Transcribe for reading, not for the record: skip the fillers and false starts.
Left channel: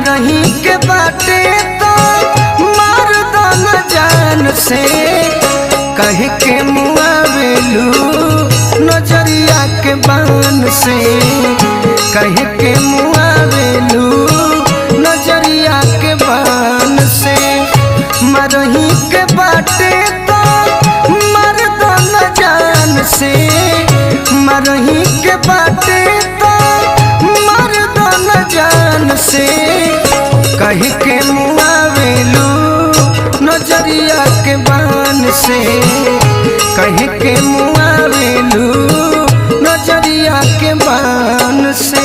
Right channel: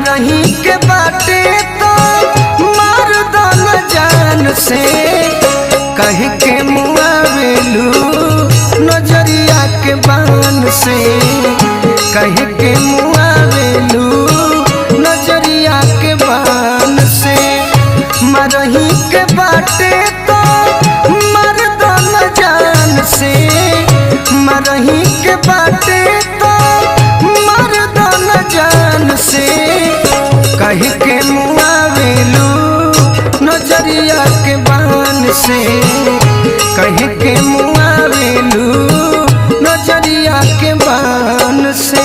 मरही के बाटे तो मार दो न जान से कह के मुआवेलू नजरिया के बान से कह के मुआवेलू नजरिया के बान से मरही के बाटे तो मर दो न जान से मरही के बाटे तो मर दो न जान से कह के मुआवेलू नजरिया के बान से कह के मुआवेलू नजरिया के बान से।